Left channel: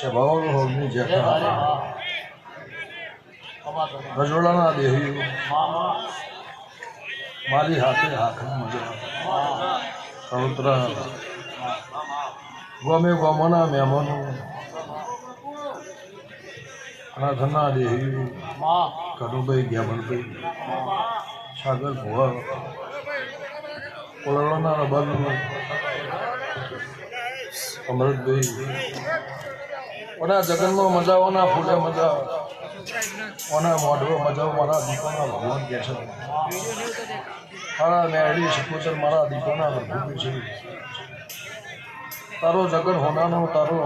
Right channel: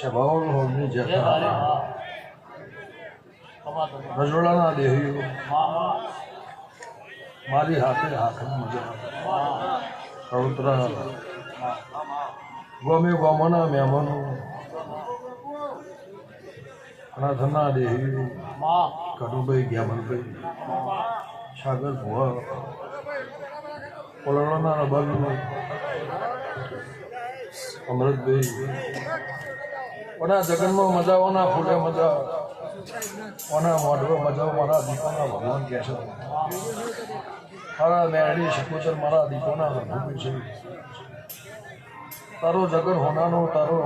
સ્વભાવ હોમની જેઠા રજોડાના દેહી મારી હાથે હાથમાં મજા પવિત્ર ગમે ગમોના મહેમાનો ઘરના દેહી કડુભાઈ ગયા સાગર ભુવા પોલણોના રબાનું અમૃતભાઈ ઓના જગનમાં મજાઓના ફૂલે મજા ઓના મોઢો મજાઓ મારા દીકોના ભગવાન કહે છે મારા મેળી શિકોતર મારા દીકોના ભગવાન છે તારો જગન હોનાનો તારો